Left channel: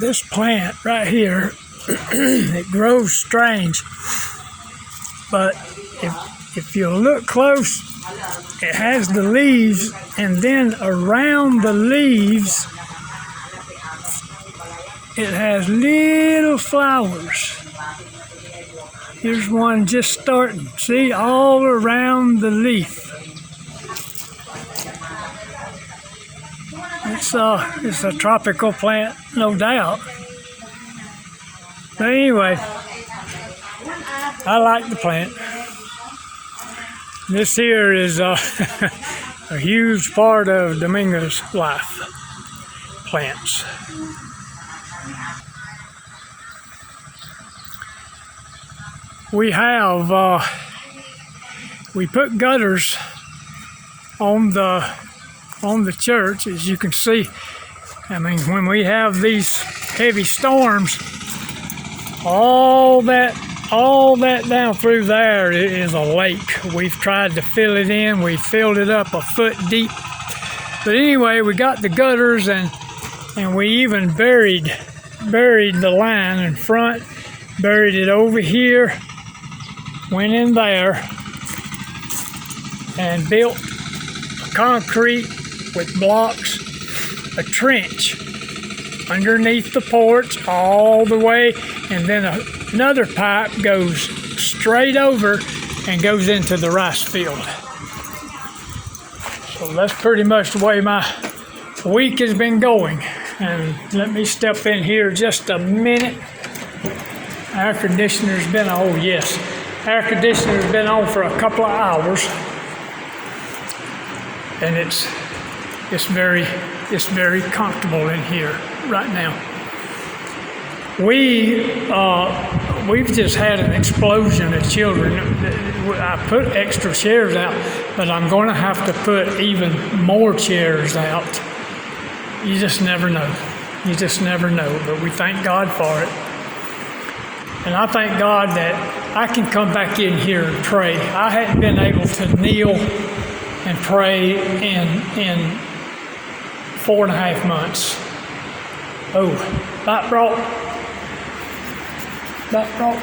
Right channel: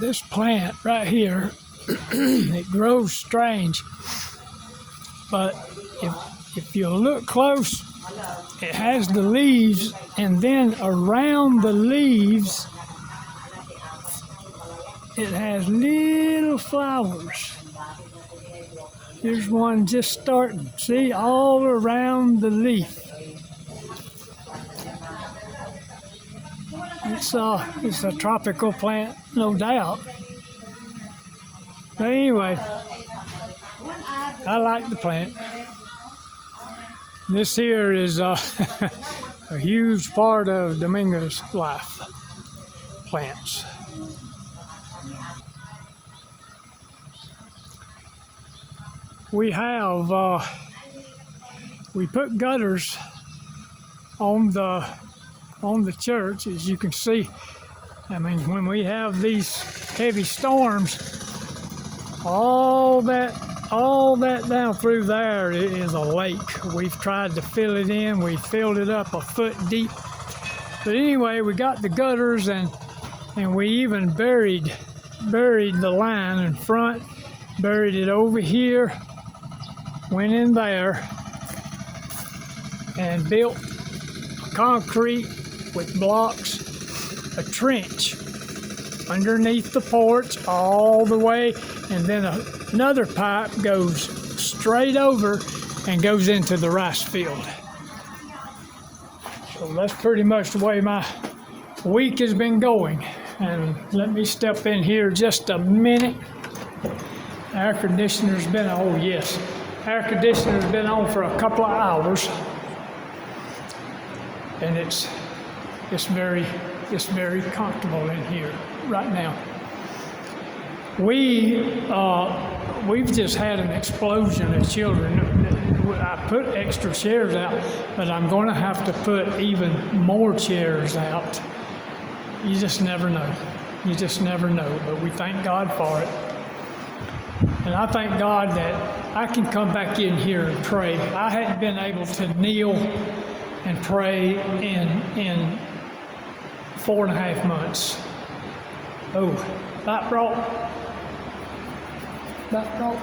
this plant right here, it grows strange, but if you look close, it has the leaves, and then around the leaves, it has little flowers. Here's one just starting. See, all around the leaf. It's a tropical plant, no doubt. But anyway, I like the plant. This here is a huge part of Domingo's life, plants. We have, we put gutters on the church, as you can see. I mean, when we have these heavy storms, all that down through there is a lake. We've tried to fill it in. We filled it up a foot deep. But anyway, we got the gutters, and we even buried the line in front, buried it over here, went in there, and built concrete with blocks, a trench underneath the porch all the way, and then another pipe goes straight over and goes into the rice field. So that's pretty much the way my week has been going. And let me step in here just a minute. Air conditioner's been on, oh yes, air conditioner's been on for a couple of hours, and it's very comfortable in here right now. We've just had an explosion of children. I put extra chairs out, but I'm going to have to put even more chairs out. You just never know. You just never know. But we thank God for it. And I thank God that I can come back in here and pray. I hadn't been able to kneel and pray in 4.5 months. Oh, that brought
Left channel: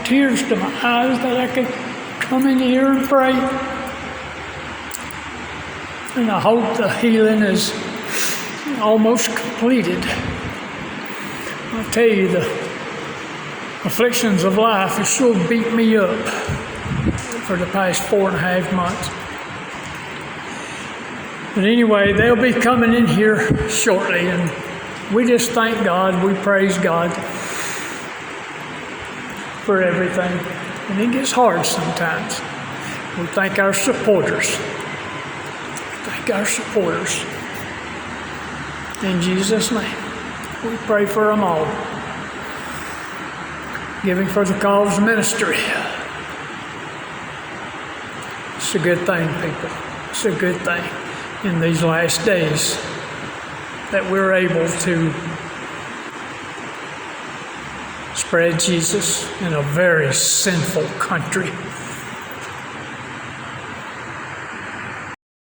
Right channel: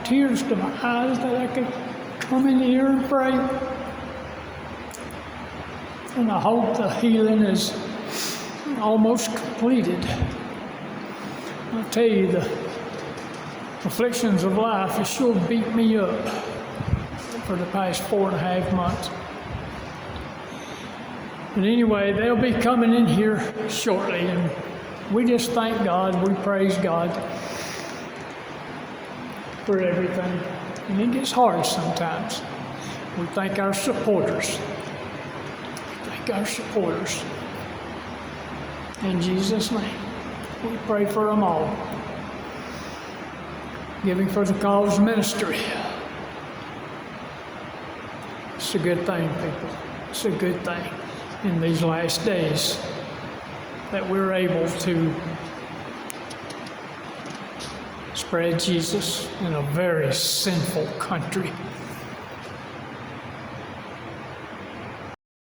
tears to my eyes that I could come in here and pray. And I hope the healing is almost completed. I'll tell you, the afflictions of life have sure beat me up for the past 4.5 months. But anyway, they'll be coming in here shortly, and we just thank God, we praise God for everything. And it gets hard sometimes. We thank our supporters. In Jesus' name, we pray for them all. Giving for the cause ministry. It's a good thing, people. It's a good thing in these last days that we're able to spread Jesus in a very sinful country.